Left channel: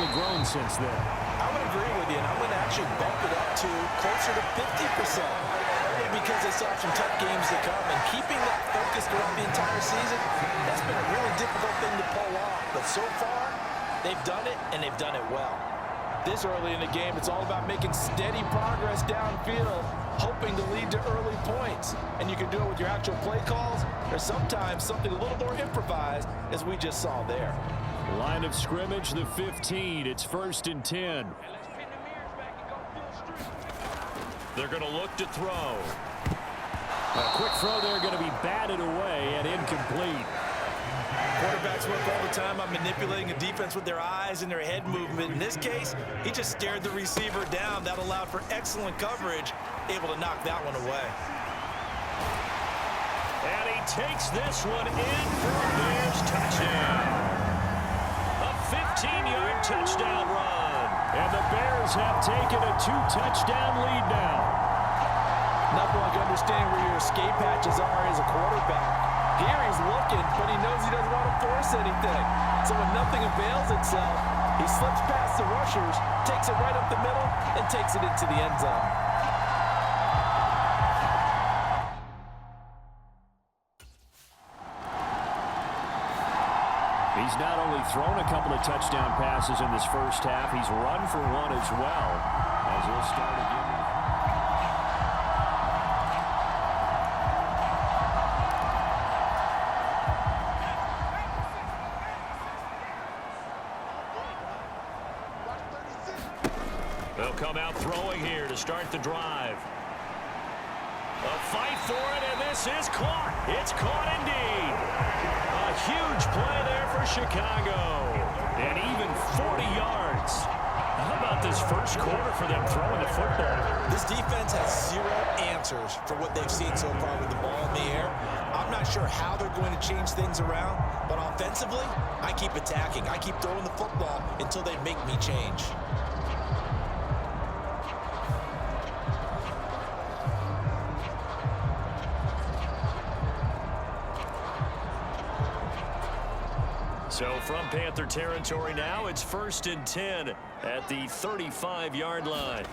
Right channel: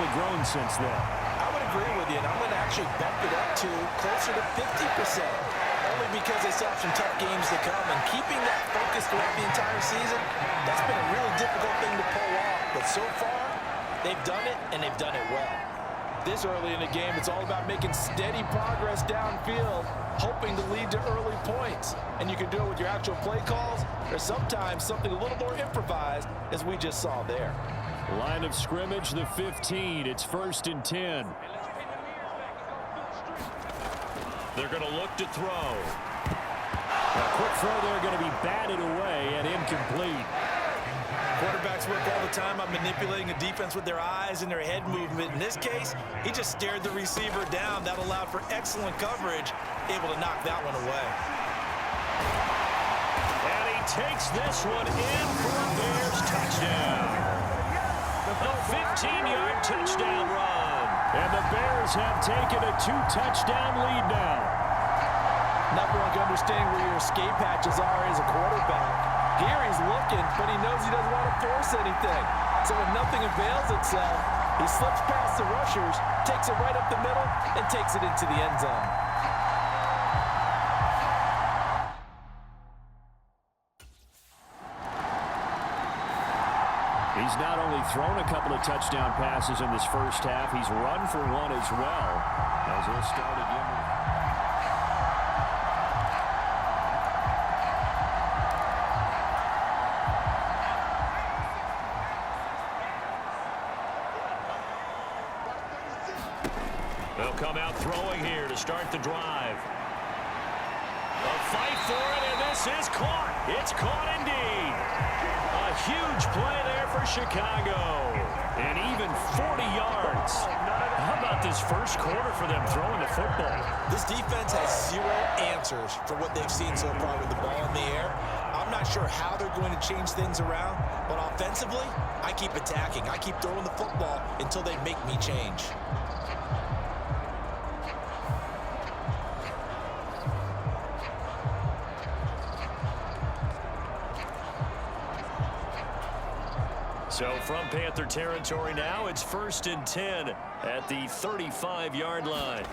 probably grown since then. I would agree with you, and I'm going to actually bump it up to closer to 50%. Only because they still have some tough games to come, and keeping that focus throughout the entire season, that's been a really difficult thing to pull off. But so far, they've done it, and they've done it well. This early in the game, it's all about making steady progress downfield, hoping to lead to early points. And you can do it with your actual play calls, or sometimes something a little more improvised, as we just saw there. Line of scrimmage, the 15. It's 1st and 10. They're going to look to throw. A quick throw there going to be batted away and incomplete. Quarterbacks work all the time on manipulating a defense with their eyes and their head movement. In this case, he just stared the receiver down. That allowed for excellent coverage, able to knock that one away. And he takes this one in for a Bears touchdown. A 15-yard touchdown run. And the Bears have taken a 2-touchdown lead now. Nothing like understanding where your escape hatches are as a quarterback. Here he's looking, but he knows he doesn't want to force anything. So when nothing avails itself, he slips past the rushers, takes it right up the middle, and takes it into the end zone. He's not only thrown a couple of touchdown passes in this first half, he's run for one as well. As he'll start again with... They'll come out throwing here to start the drive. A fight for it, and this is caught. It's caught indeed. A huge play there for Chicago. And even 40 yards. How about this first quarter for them throwing the football? This defense has zero answers for what they've seen so far with the ball in the air. I'm not sure how they're going to change things around, but offensively, I keep attacking. I keep throwing the football until they make me change. So from Panther territory now, it's 1st and 10 at the 35-yard line.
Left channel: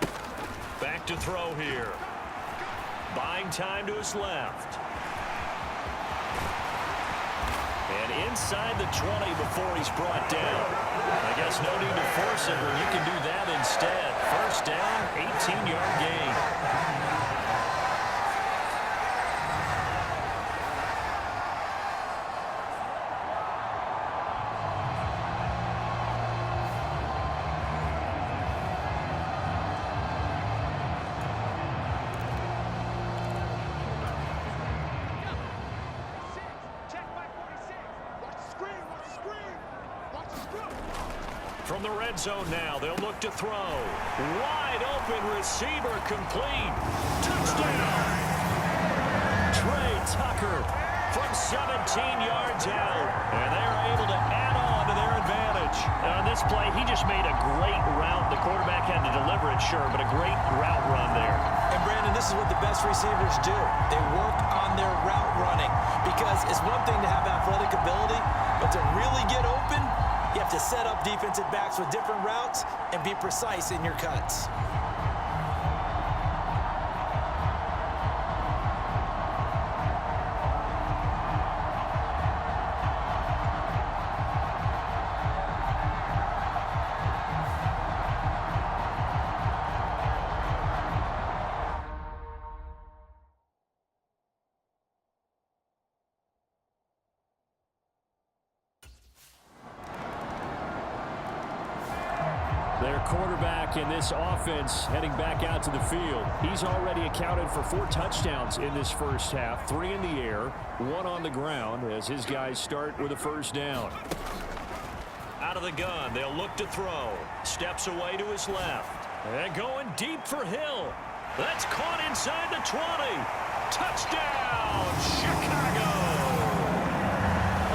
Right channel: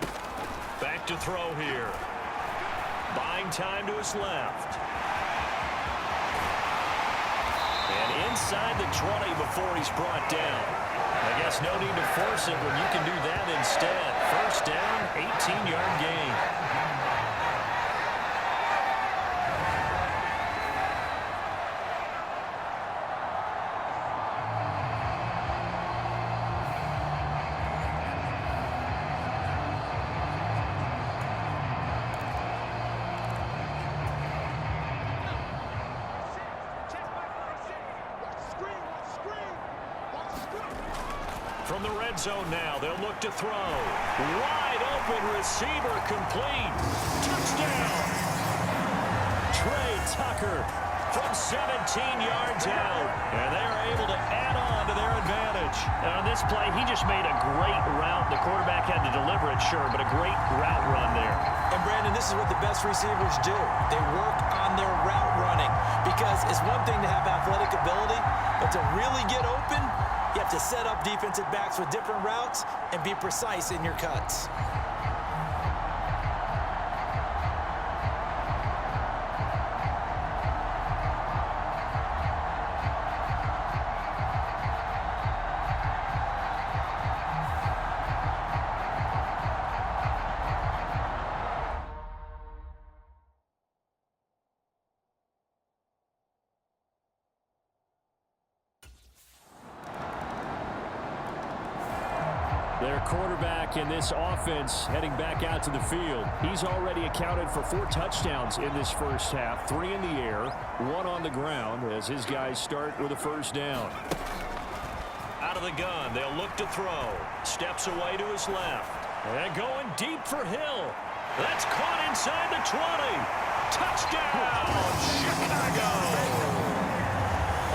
Back to throw here. Buying time to his left. And inside the 20 before he's brought down. I guess no need to force it when you can do that instead. First down, 18-yard gain. From the red zone now, they'll look to throw. Wide open receiver complete. Touchdown! Trey Tucker from 17 yards out. And they are able to add on to their advantage. And on this play, he just made a great route. The quarterback had to deliver it, sure, but a great route run there. And, Brandon, this is what the best receivers do. They work on their route running. Because it's one thing to have athletic ability, but to really get open, you have to set up defensive backs with different routes and be precise in your cuts. Their quarterback in this offense heading back out to the field. He's already accounted for 4 touchdowns in this first half. 3 in the air, 1 on the ground as his guys start with a first down. Out of the gun, they'll look to throw. Steps away to his left. And going deep for Hill. That's caught inside the 20. Touchdown, Chicago!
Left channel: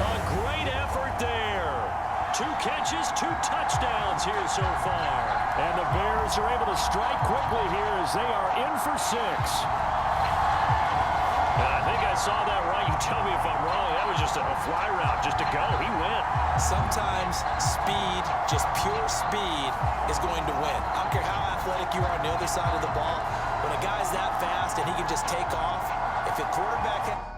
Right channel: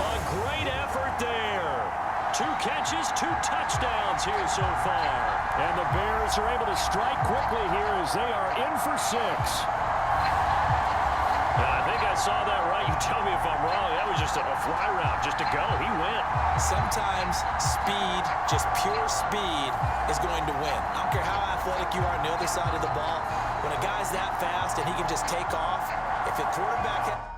A great effort there. 2 catches, 2 touchdowns here so far. And the Bears are able to strike quickly here as they are in for 6. I think I saw that right. You tell me if I'm wrong. That was just a fly route, just to go. He went. Sometimes speed, just pure speed, is going to win. I don't care how athletic you are on the other side of the ball. When a guy's that fast and he can just take off, if a quarterback...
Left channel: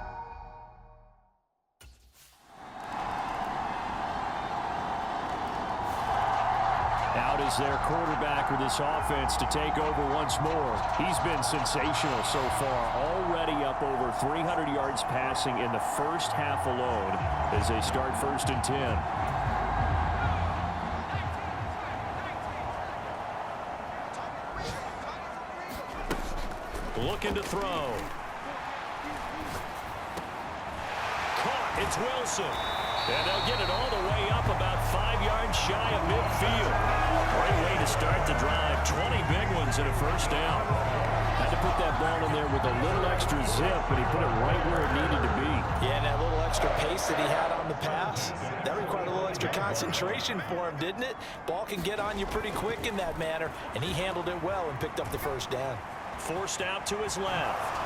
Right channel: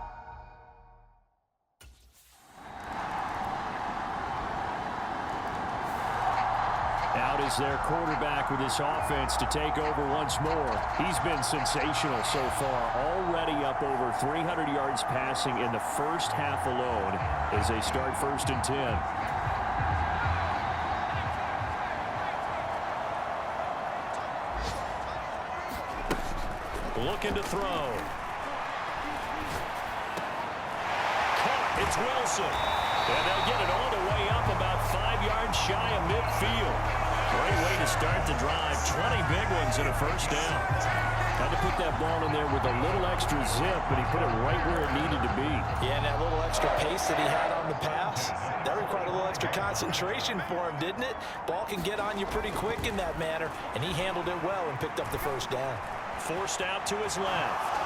Out is their quarterback with this offense to take over once more. He's been sensational so far, already up over 300 yards passing in the first half alone as they start 1st and 10. Looking to throw. Caught. It's Wilson. And they'll get it all the way up about 5 yards shy of midfield. Great way to start the drive. 20 big ones and a first down. Had to put that ball in there with a little extra zip, but he put it right where it needed to be. Yeah, and that little extra pace that he had on the pass, that required a little extra concentration for him, didn't it? Ball can get on you pretty quick in that manner, and he handled it well and picked up the first down. Forced out to his left.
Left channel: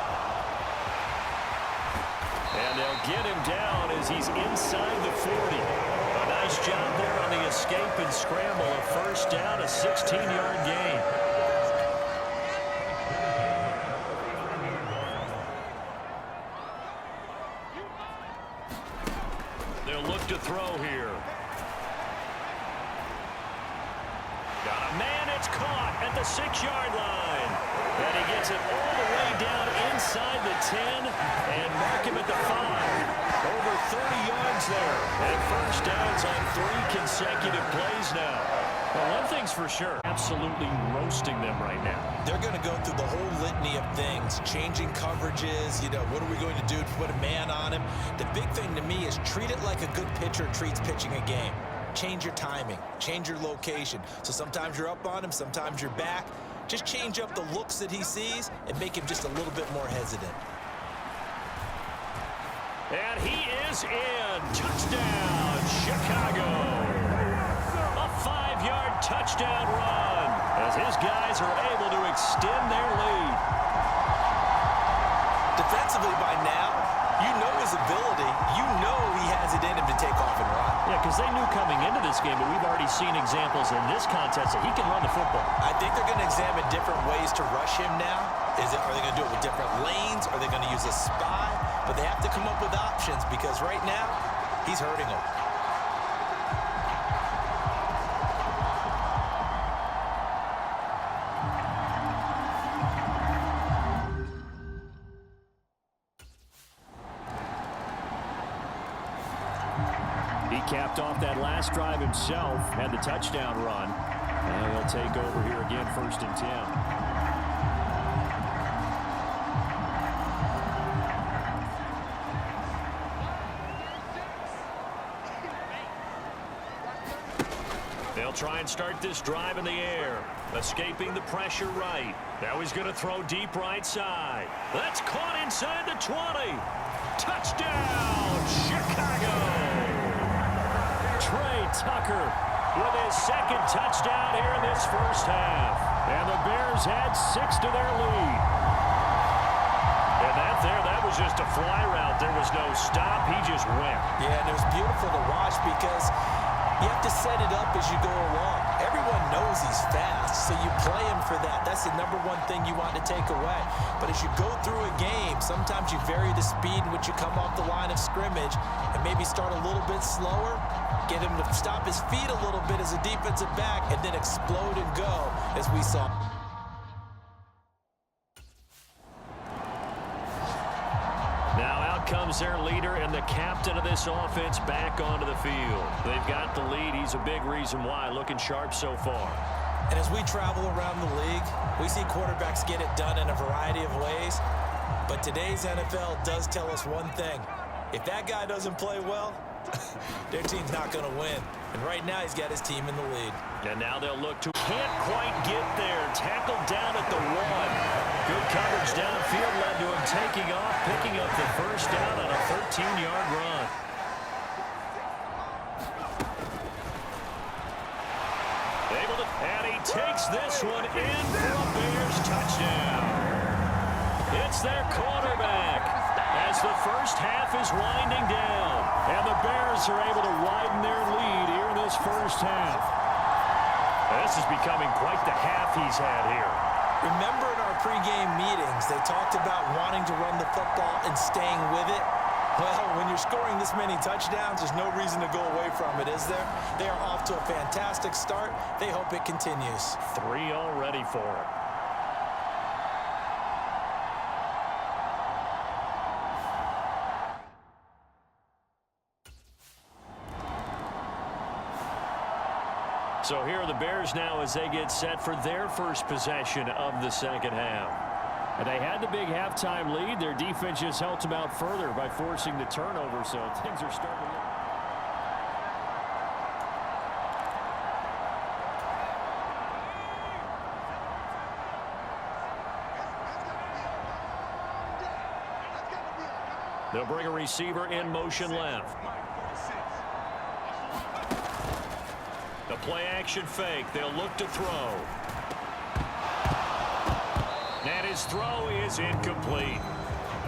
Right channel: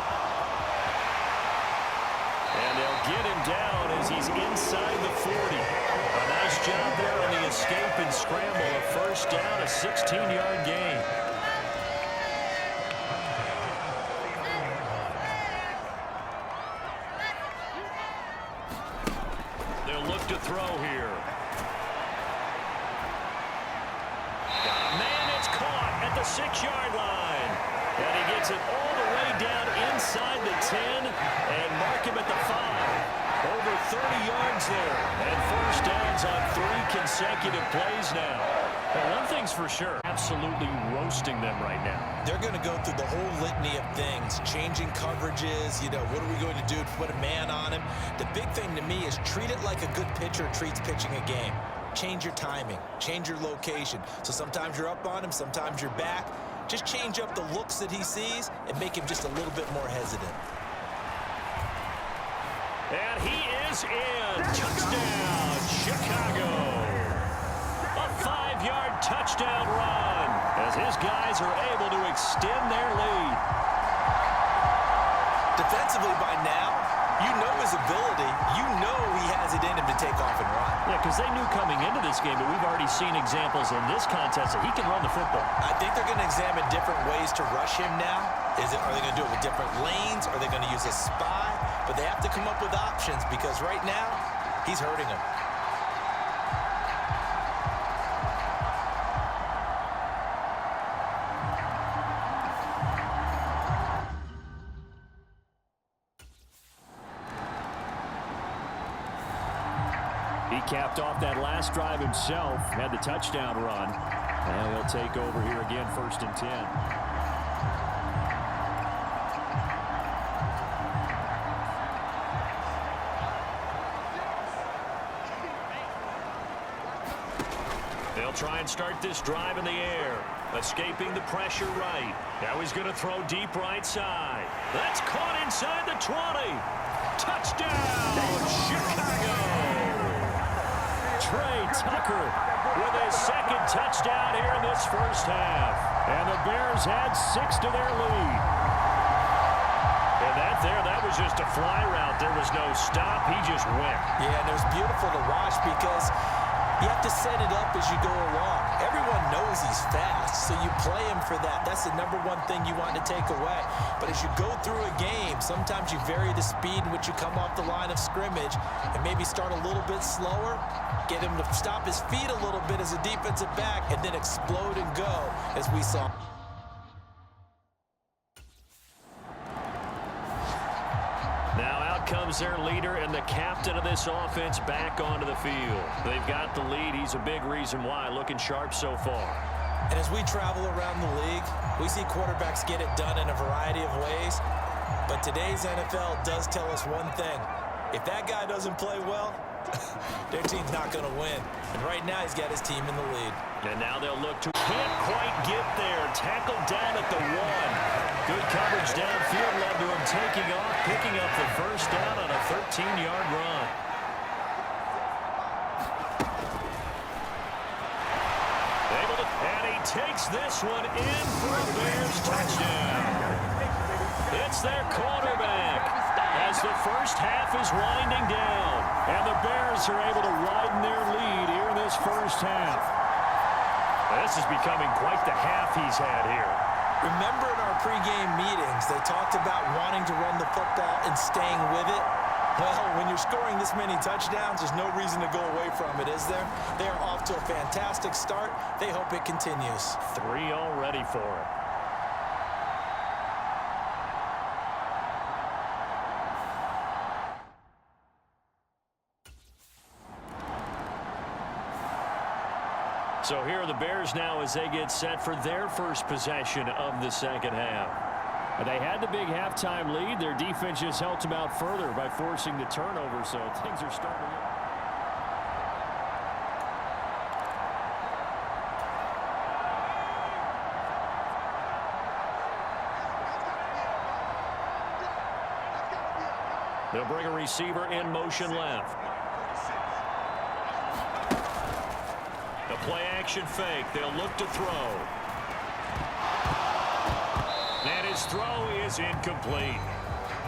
And they'll get him down as he's inside the 40. A nice job there on the escape and scramble. A first down, a 16-yard gain. They'll look to throw here. Got a man, it's caught at the 6-yard line. And he gets it all the way down inside the 10 and mark him at the 5. Over 30 yards there. And first downs on 3 consecutive plays now. Well, one thing's for sure, absolutely roasting them right now. They're going to go through the whole litany of things, changing coverages, what are we going to do to put a man on him? The big thing to me is treat it like a good pitcher treats pitching a game. Change your timing, change your location. So sometimes you're up on him, sometimes you're back. Just change up the looks that he sees and make him just a little bit more hesitant. And he is in. Touchdown, Chicago. A 5-yard touchdown run as his guys are able to extend their lead. Defensively by now, you know his ability. You know he has it in him to take off and run. Yeah, because they knew coming into this game, but we've already seen examples in this contest that he can run the football. I think they're going to examine different ways to rush him now. Are they going to do it with different lanes? Are they going to use a spy? But they have to come up with options because right now, he's hurting them. He capped off that last drive himself, had the touchdown run. Now he'll take over here again, 1st and 10. They'll try and start this drive in the air, escaping the pressure right. Now he's going to throw deep right side. That's caught inside the 20. Touchdown, Chicago! Trey Tucker with his 2nd touchdown here in this first half. And the Bears add 6 to their lead. And that was just a fly route. There was no stop. He just went. Yeah, and it was beautiful to watch because you have to set it up as you go along. Everyone knows he's fast, so you play him for that. That's the #1 thing you want to take away. But as you go through a game, sometimes you vary the speed in which you come off the line of scrimmage and maybe start a little bit slower, get him to stop his feet a little bit as a defensive back, and then explode and go, as we saw. Now out comes their leader and the captain of this offense back onto the field. They've got the lead. He's a big reason why. Looking sharp so far. And as we travel around the league, we see quarterbacks get it done in a variety of ways. But today's NFL does tell us one thing. If that guy doesn't play well, their team's not going to win. And right now he's got his team in the lead. And now they'll look to... Can't quite get there. Tackled down at the 1. Good coverage downfield led to him taking off, picking up the first down on a 13-yard run. And he takes this one in for a Bears touchdown. It's their quarterback. as the first half is winding down. And the Bears are able to widen their lead here in this first half. This is becoming quite the half he's had here. Remember in our pregame meetings, they talked about wanting to run the football and staying with it? Well, when you're scoring this many touchdowns, there's no reason to go away from it, is there? They are off to a fantastic start. They hope it continues. 3 already for him. So here are the Bears now as they get set for their first possession of the second half. And they had the big halftime lead. Their defense just helped them out further by forcing the turnover, so things are starting to look. They'll bring a receiver in motion left. The play action fake. They'll look to throw. And his throw is incomplete.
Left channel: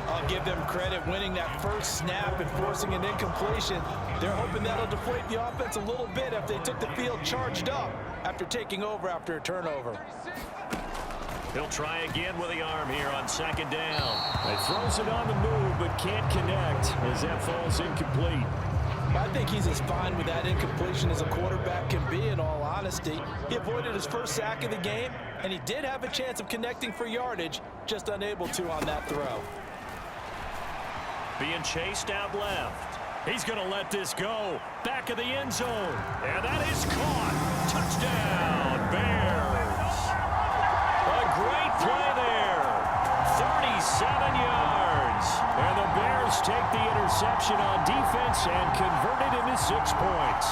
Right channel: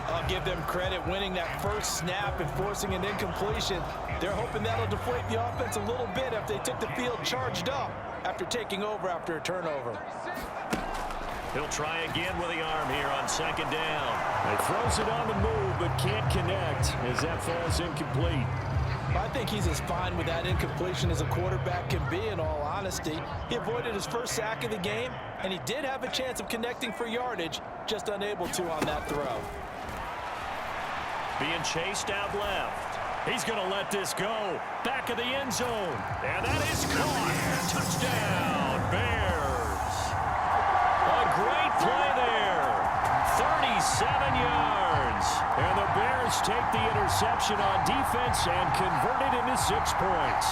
I'll give them credit winning that first snap and forcing an incompletion. They're hoping that'll deflate the offense a little bit if they took the field charged up after taking over after a turnover. He'll try again with the arm here on second down. He throws it on the move but can't connect as that falls incomplete. I think he's as fine with that incompletion as a quarterback can be, in all honesty. He avoided his first sack of the game, and he did have a chance of connecting for yardage, just unable to on that throw. Being chased out left. He's going to let this go. Back of the end zone. And that is caught. Touchdown, Bears. A great play there. 37 yards. And the Bears take the interception on defense and convert it into 6 points.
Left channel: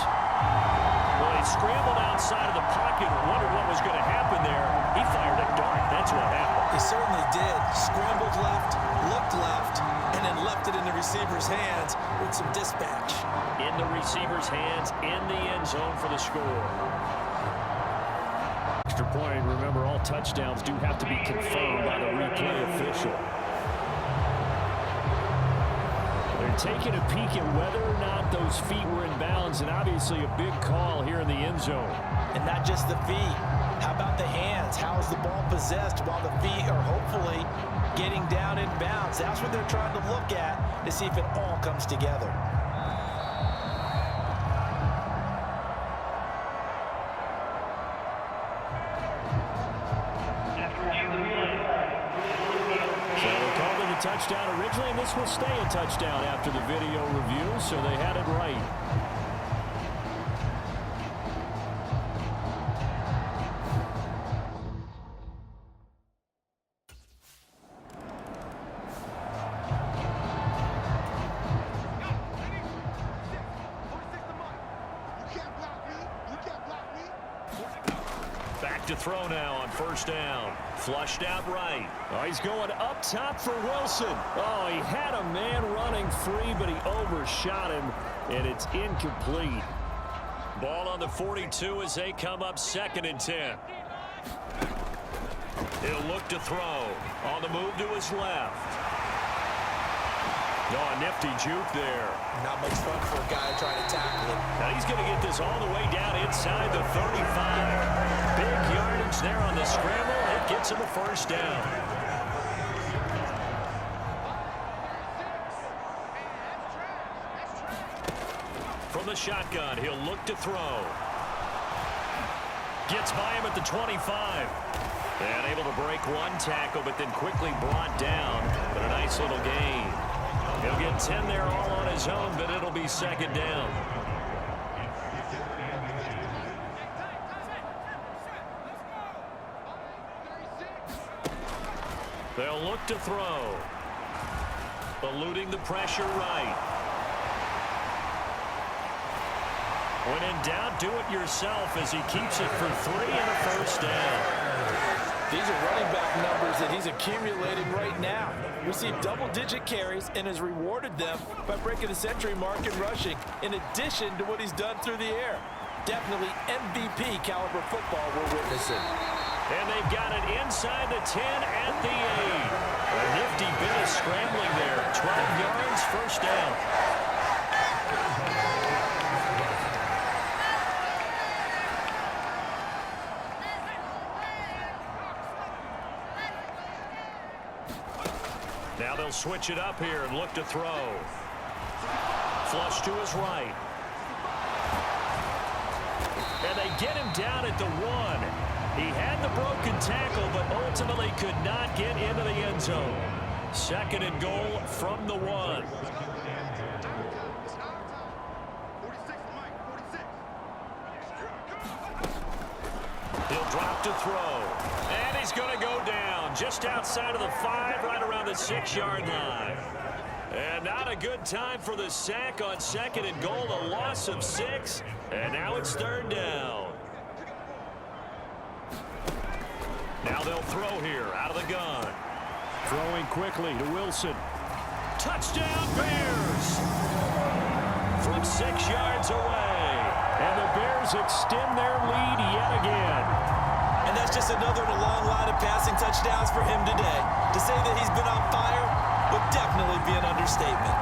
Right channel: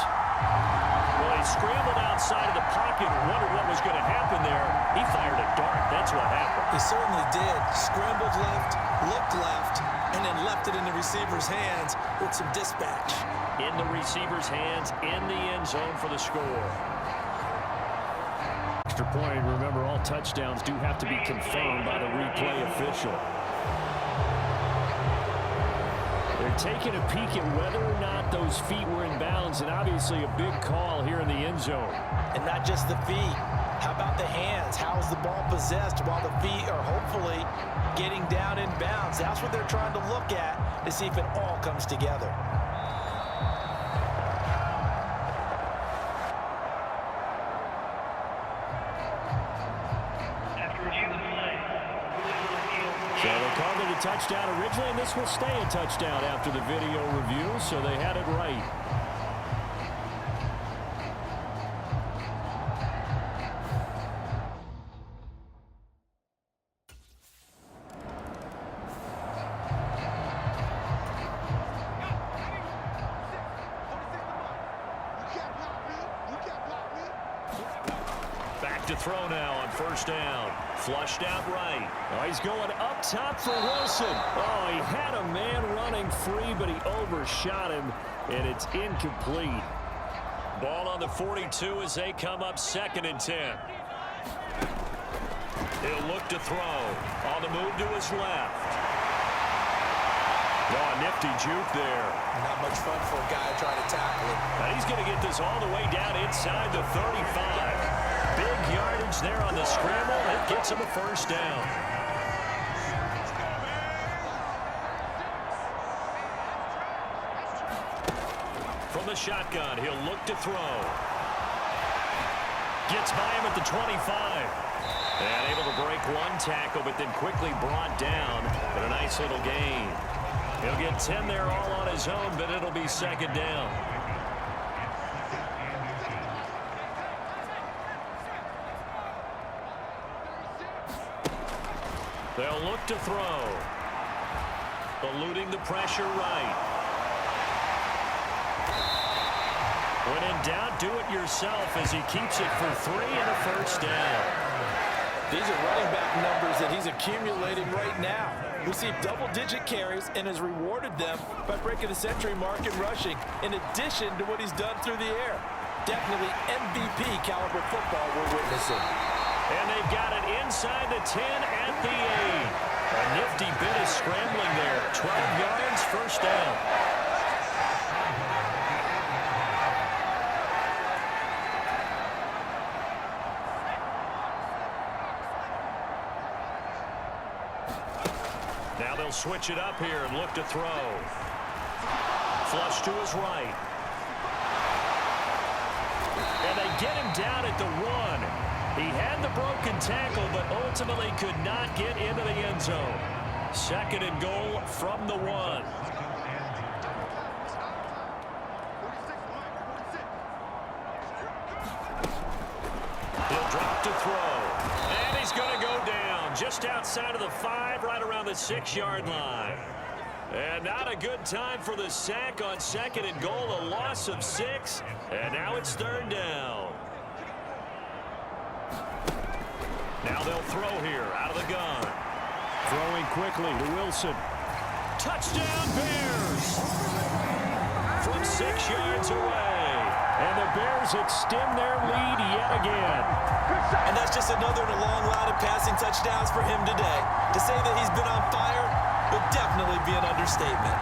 Well, he scrambled outside of the pocket and wondered what was going to happen there. He fired a dart. That's what happened. He certainly did. Scrambled left, looked left, and then left it in the receiver's hands with some dispatch. In the receiver's hands, in the end zone for the score. Extra point. Remember, all touchdowns do have to be confirmed by the replay official. They're taking a peek at whether or not those feet were in bounds, and obviously a big call here in the end zone. And not just the feet. How about the hands? How is the ball possessed while the feet are hopefully getting down in bounds? That's what they're trying to look at to see if it all comes together. So they called it a touchdown originally, and this will stay a touchdown after the video review, so they had it right. Back to throw now on first down. Flushed out right. Oh, he's going up top for Wilson. Oh, he had a man running free, but he overshot him, and it's incomplete. Ball on the 42 as they come up 2nd and 10. He'll look to throw. On the move to his left. Oh, a nifty juke there. Not much fun for a guy trying to tackle him. Now he's going to get this all the way down inside the 35. Big yardage there on the scramble. It gets him a first down. From the shotgun, he'll look to throw. Gets by him at the 25. And able to break one tackle, but then quickly brought down. But a nice little gain. He'll get 10 there all on his own, but it'll be 2nd down. They'll look to throw. Eluding the pressure right. When in doubt, do it yourself as he keeps it for 3 and a first down. These are running back numbers that he's accumulating right now. Received double-digit carries and has rewarded them by breaking the century mark in rushing, in addition to what he's done through the air. Definitely MVP caliber football we're witnessing. And they've got it inside the 10 at the 8. A nifty bit of scrambling there. 12 yards, first down. Now they'll switch it up here and look to throw. Flush to his right. And they get him down at the 1. He had the broken tackle, but ultimately could not get into the end zone. Second and goal from the 1. He'll drop to throw. And he's going to go down just outside of the 5, right around the 6-yard line. And not a good time for the sack on second and goal, a loss of 6. And now it's third down. Now they'll throw here out of the gun. Throwing quickly to Wilson. Touchdown Bears! From 6 yards away. And the Bears extend their lead yet again. And that's just another in a long line of passing touchdowns for him today. To say that he's been on fire would definitely be an understatement.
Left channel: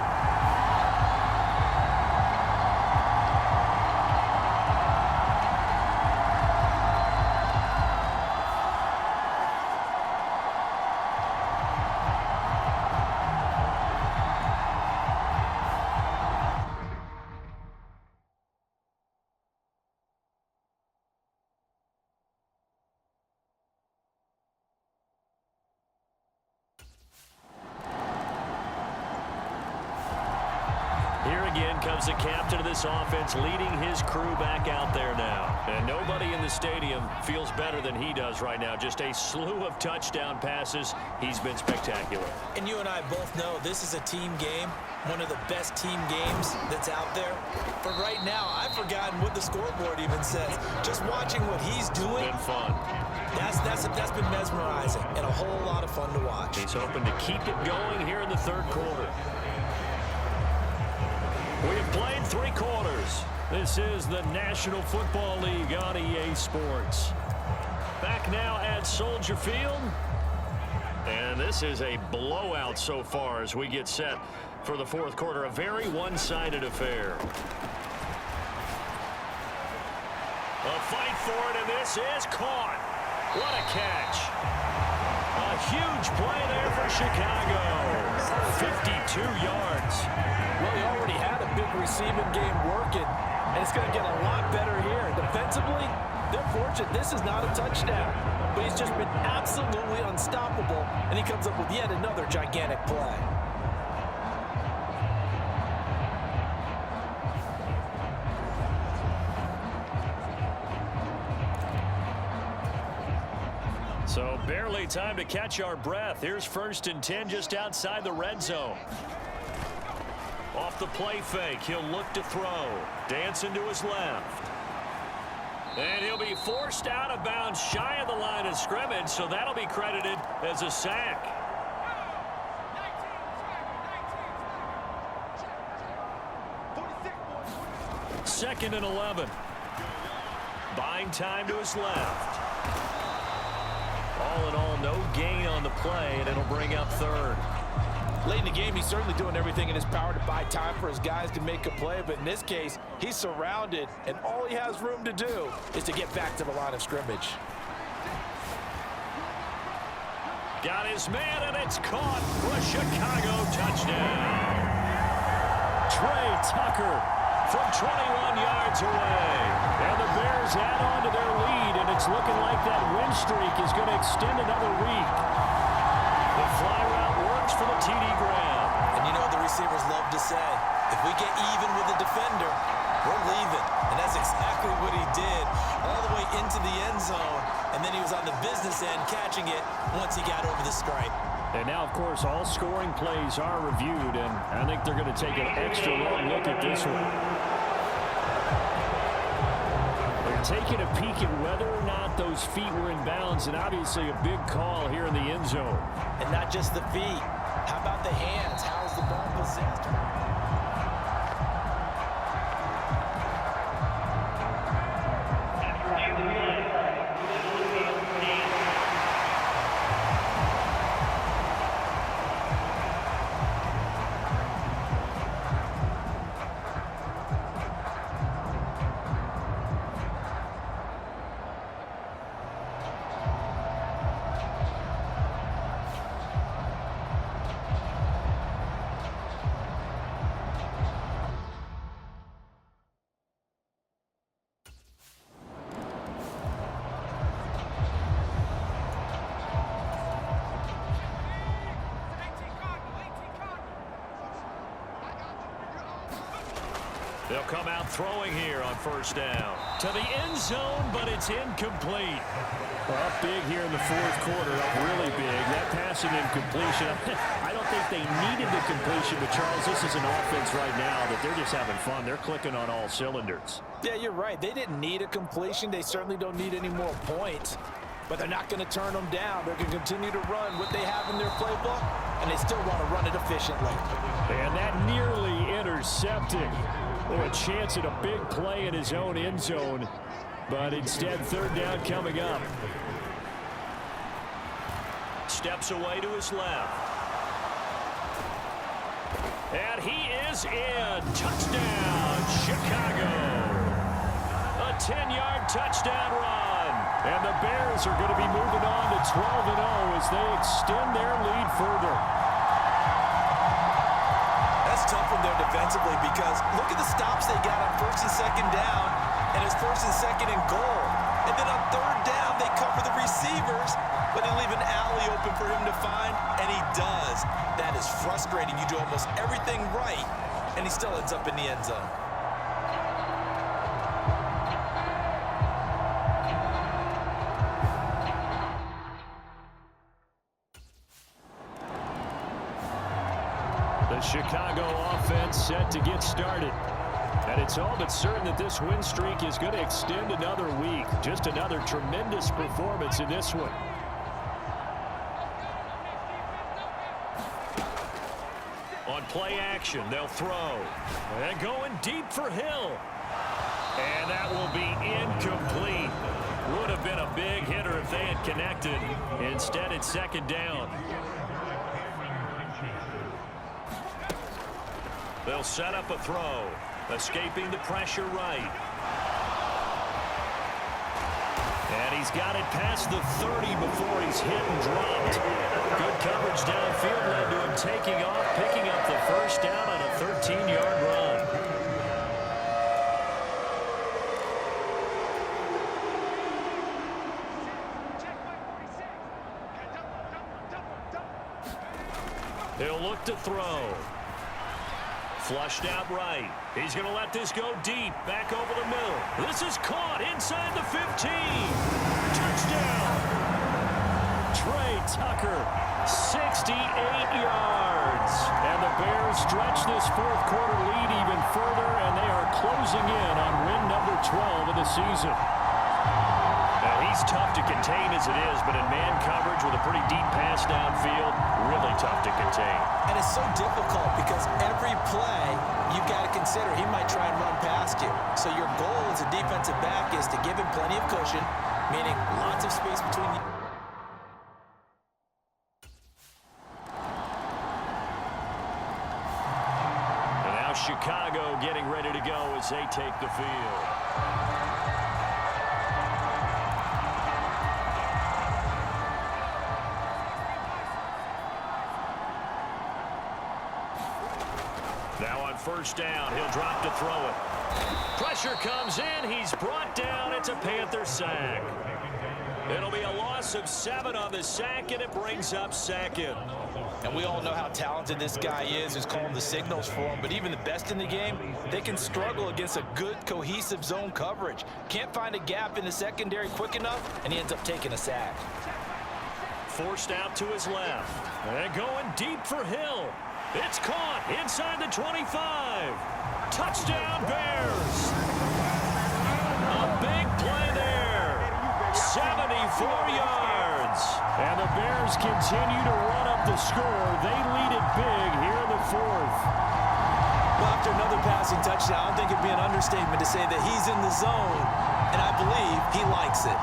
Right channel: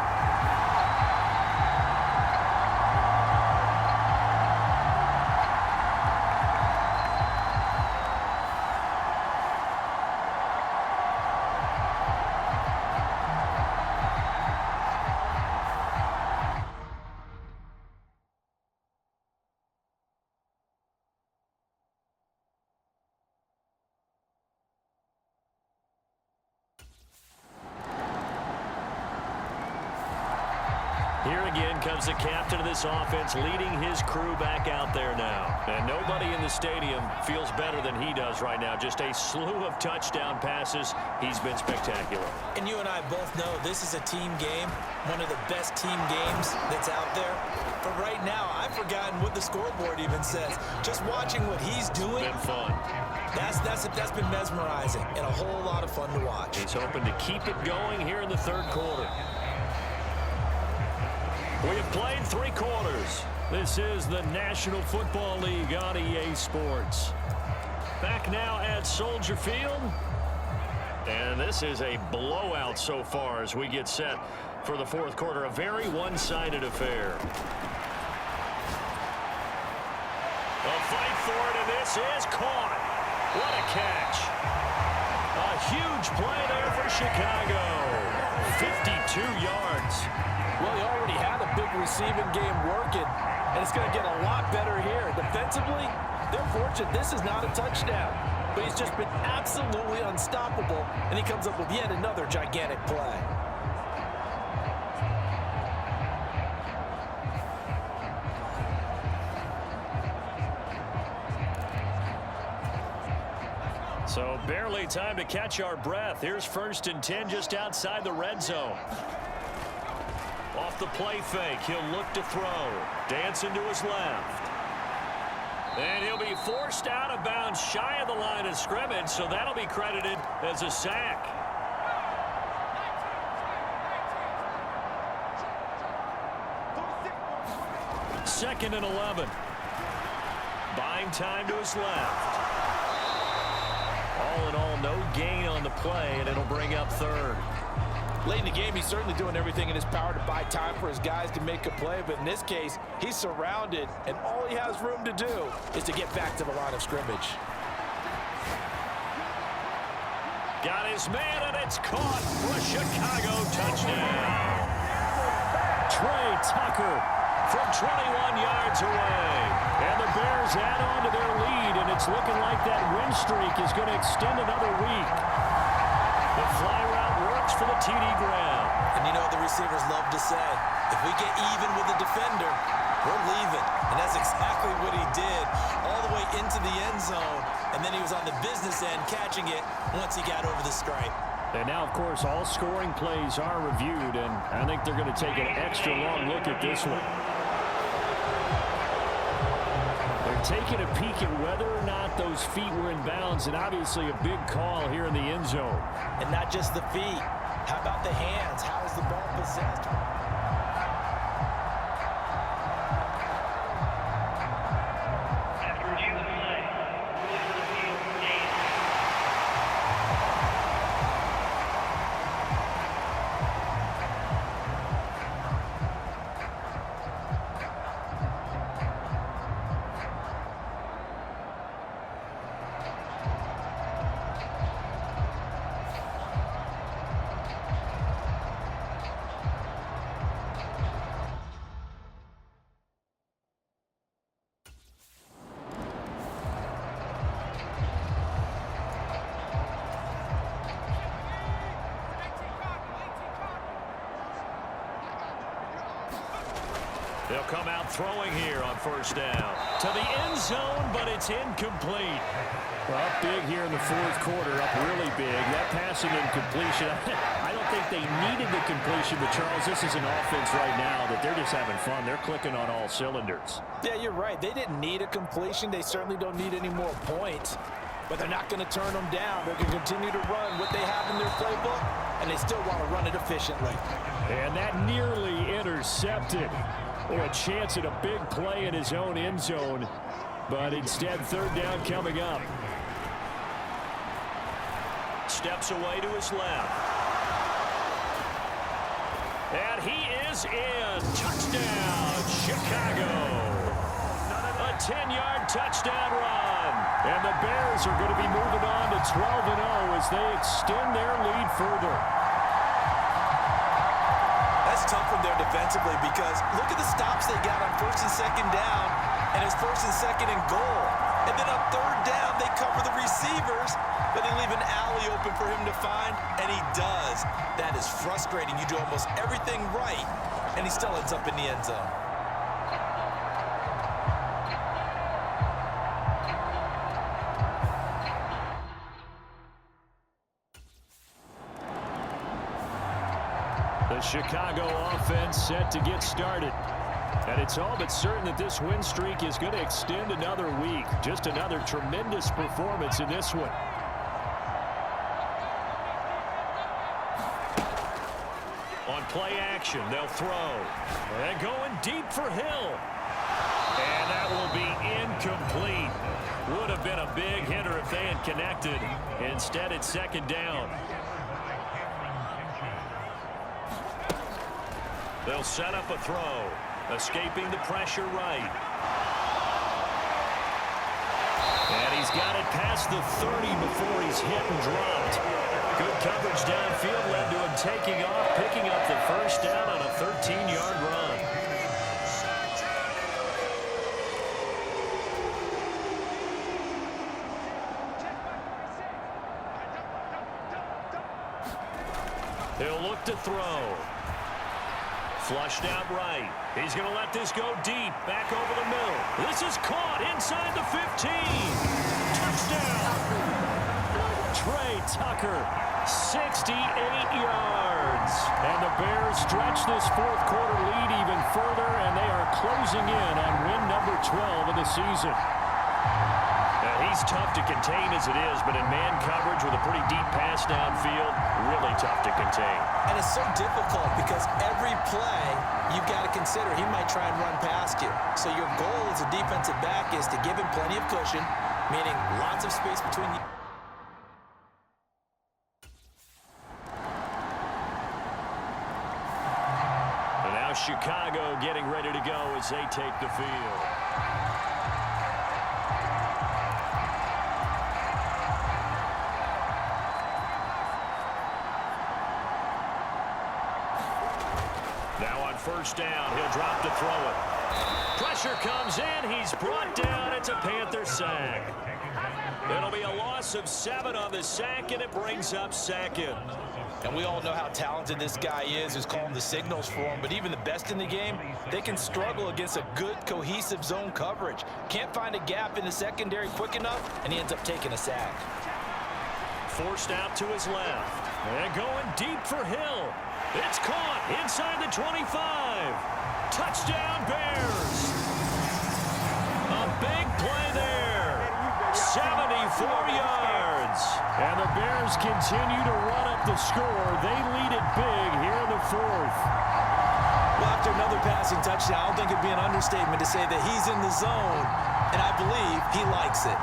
Here again comes the captain of this offense, leading his crew back out there now. And nobody in the stadium feels better than he does right now. Just a slew of touchdown passes. He's been spectacular. And you and I both know this is a team game, one of the best team games that's out there. But right now, I've forgotten what the scoreboard even says. Just watching what he's doing. It's been fun. That's been mesmerizing and a whole lot of fun to watch. He's hoping to keep it going here in the third quarter. We have played 3 quarters. This is the National Football League on EA Sports. Back now at Soldier Field. And this is a blowout so far as we get set for the fourth quarter. A very one-sided affair. A fight for it, and this is caught. What a catch. A huge play there for Chicago. 52 yards. Well, he already had a big receiving game working, and it's going to get a lot better here. Defensively, they're fortunate this is not a touchdown, but he's just been absolutely unstoppable, and he comes up with yet another gigantic play. So barely time to catch our breath. Here's 1st and 10 just outside the red zone. Off the play fake, he'll look to throw. Dancing to his left. And he'll be forced out of bounds shy of the line of scrimmage, so that'll be credited as a sack. Second and 11. Buying time to his left. All in all, no gain on the play, and it'll bring up third. Late in the game, he's certainly doing everything in his power to buy time for his guys to make a play, but in this case, he's surrounded, and all he has room to do is to get back to the line of scrimmage. Got his man, and it's caught for a Chicago touchdown. Trey Tucker from 21 yards away. And the Bears add on to their lead, and it's looking like that win streak is going to extend another week. The fly route works for the TD grab. And you know what the receivers love to say? If we get even with the defender, we're leaving. And that's exactly what he did all the way into the end zone. And then he was on the business end catching it once he got over the stripe. And now, of course, all scoring plays are reviewed, and I think they're going to take an extra long look at this one. They're taking a peek at whether or not those feet were in bounds, and obviously a big call here in the end zone. And not just the feet. How about the hands? How's the ball possessed? After a few play, rules of the field game. They'll come out throwing here on first down. To the end zone, but it's incomplete. Well, up big here in the fourth quarter, up really big. That passing incompletion, I don't think they needed the completion, but Charles, this is an offense right now that they're just having fun. They're clicking on all cylinders. Yeah, you're right. They didn't need a completion. They certainly don't need any more points, but they're not going to turn them down. They're going to continue to run what they have in their playbook, and they still want to run it efficiently. And that nearly intercepted. Or a chance at a big play in his own end zone, but instead third down coming up. Steps away to his left. And he is in. Touchdown, Chicago. A 10-yard touchdown run. And the Bears are going to be moving on to 12-0 as they extend their lead further. That's tough when they're defensively because look at the stops they got on first and second down, and it's first and second and goal. And then on third down, they cover the receivers, but they leave an alley open for him to find, and he does. That is frustrating. You do almost everything right, and he still ends up in the end zone. The Chicago offense set to get started. And it's all but certain that this win streak is going to extend another week. Just another tremendous performance in this one. On play action, they'll throw. And going deep for Hill. And that will be incomplete. Would have been a big hitter if they had connected. Instead, it's second down. They'll set up a throw. Escaping the pressure right. And he's got it past the 30 before he's hit and dropped. Good coverage downfield led to him taking off, picking up the first down on a 13-yard run. He'll look to throw. Flushed out right. He's going to let this go deep. Back over the middle. This is caught inside the 15. Touchdown. Trey Tucker, 68 yards. And the Bears stretch this fourth quarter lead even further, and they are closing in on win number 12 of the season. He's tough to contain as it is, but in man coverage with a pretty deep pass downfield, really tough to contain. And it's so difficult because every play you've got to consider he might try and run past you. So your goal as a defensive back is to give him plenty of cushion, meaning lots of space between you. And now Chicago getting ready to go as they take the field. Now on first down, he'll drop to throw it. Pressure comes in. He's brought down. It's a Panther sack. It'll be a loss of 7 on the sack, and it brings up second. And we all know how talented this guy is who's calling the signals for him. But even the best in the game, they can struggle against a good, cohesive zone coverage. Can't find a gap in the secondary quick enough, and he ends up taking a sack. Forced out to his left. And going deep for Hill. It's caught inside the 25. Touchdown, Bears. A big play there. 74 yards. And the Bears continue to run up the score. They lead it big here in the fourth. Well, after another passing touchdown, I don't think it'd be an understatement to say that he's in the zone, and I believe he likes it.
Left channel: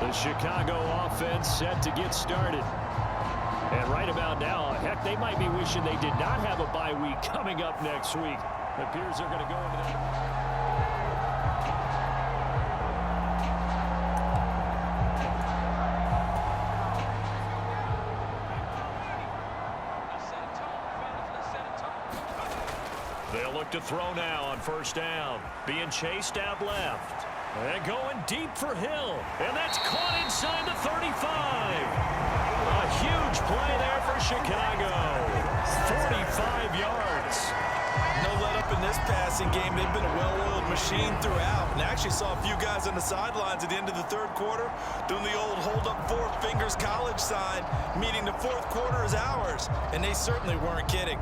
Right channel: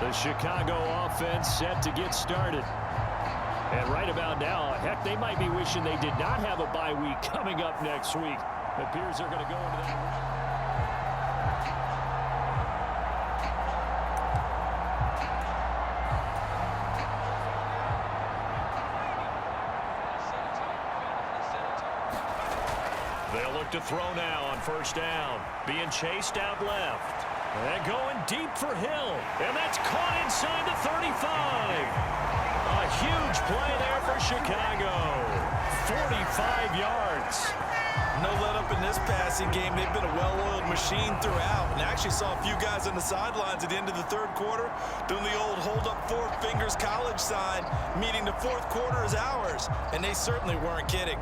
The Chicago offense set to get started. And right about now, heck, they might be wishing they did not have a bye week coming up next week. It appears they're going to go into that. They'll look to throw now on first down. Being chased out left. And going deep for Hill. And that's caught inside the 35. A huge play there for Chicago. 45 yards. No let up in this passing game. They've been a well-oiled machine throughout. And actually saw a few guys on the sidelines at the end of the third quarter doing the old hold up four fingers college sign, meaning the fourth quarter is ours. And they certainly weren't kidding.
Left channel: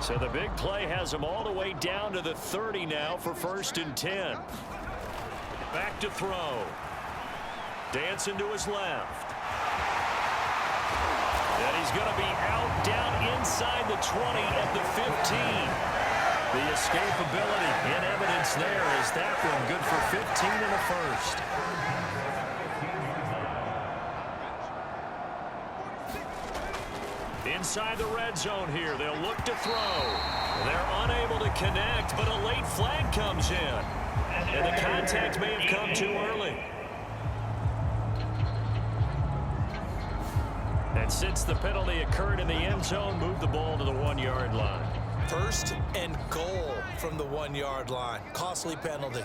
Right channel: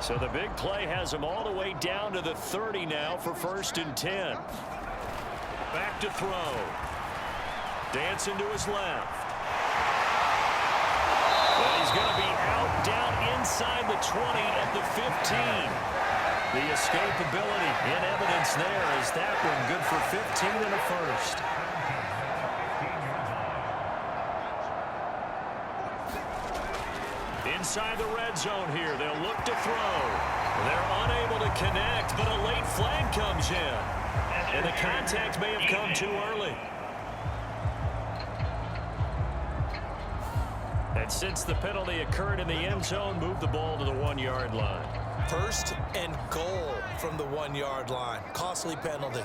So the big play has him all the way down to the 30 now for 1st and 10. Back to throw. Dancing to his left. And he's going to be out down inside the 20 at the 15. The escapability in evidence there as that one good for 15 and a first. Inside the red zone here. They'll look to throw. They're unable to connect, but a late flag comes in. And the contact may have come too early. And since the penalty occurred in the end zone, move the ball to the 1-yard line. 1st and goal from the 1-yard line. Costly penalty.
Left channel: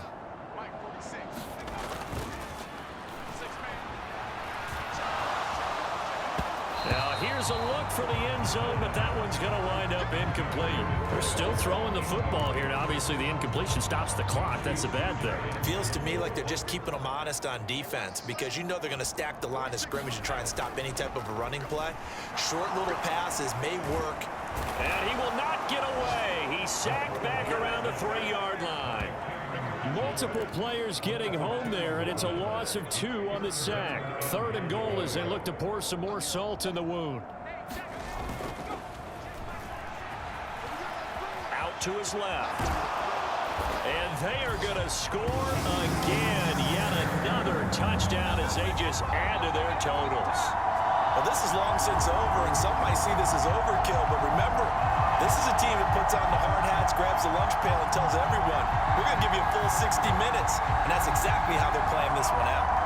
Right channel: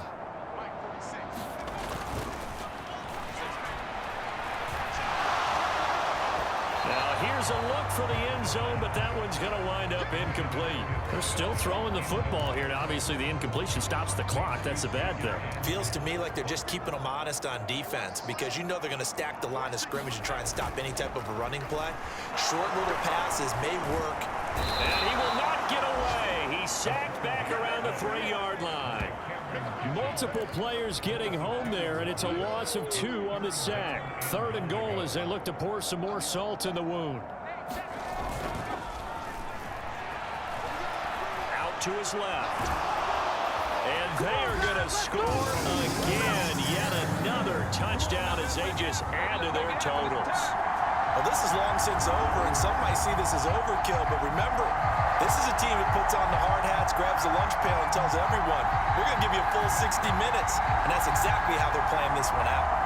Now here's a look for the end zone, but that one's going to wind up incomplete. They're still throwing the football here. Now, obviously, the incompletion stops the clock. That's a bad thing. Feels to me like they're just keeping them honest on defense because you know they're going to stack the line of scrimmage and try and stop any type of a running play. Short little passes may work. And he will not get away. He's sacked back around the 3-yard line. Multiple players getting home there, and it's a loss of 2 on the sack. 3rd and goal as they look to pour some more salt in the wound. Out to his left. And they are going to score again. Yet another touchdown as they just add to their totals. Well, this is long since over, and some might see this as overkill, but remember, this is a team that puts on the hard hats, grabs the lunch pail, and tells everyone, we're going to give you a full 60 minutes, and that's exactly how they're playing this one out.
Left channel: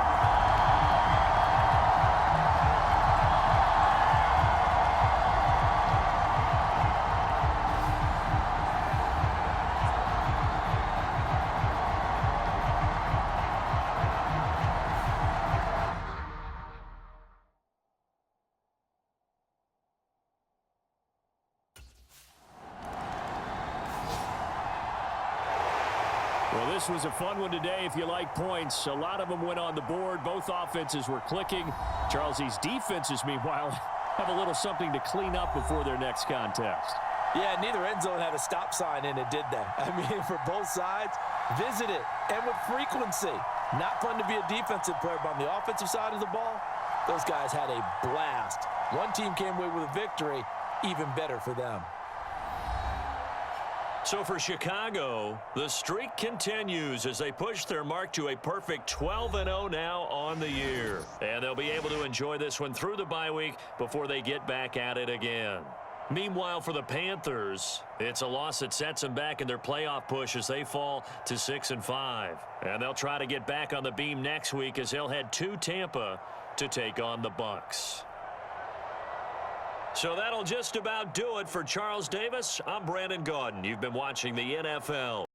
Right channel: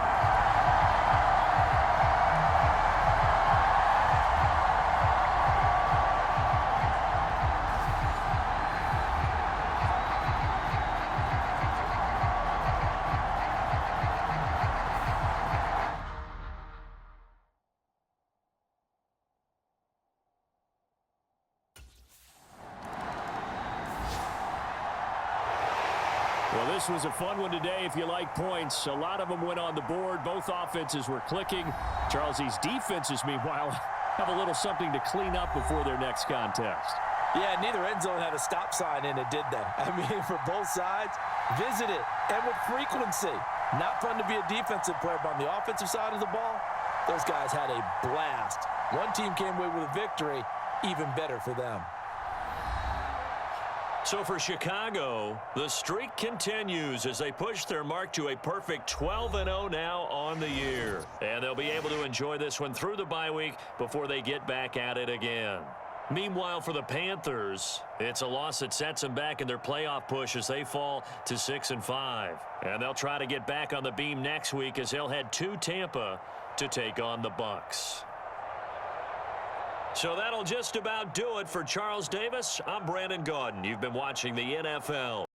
Well, this was a fun one today if you like points. A lot of them went on the board. Both offenses were clicking. Charles, these defenses, meanwhile, have a little something to clean up before their next contest. Yeah, neither end zone had a stop sign in it, did they? I mean, for both sides, visit it, and with frequency. Not fun to be a defensive player, but on the offensive side of the ball, those guys had a blast. One team came away with a victory, even better for them. So for Chicago, the streak continues as they push their mark to a perfect 12-0 now on the year. And they'll be able to enjoy this one through the bye week before they get back at it again. Meanwhile, for the Panthers, it's a loss that sets them back in their playoff push as they fall to 6-5. And they'll try to get back on the beam next week as they'll head to Tampa to take on the Bucs. So that'll just about do it for Charles Davis. I'm Brandon Gaudin. You've been watching the NFL.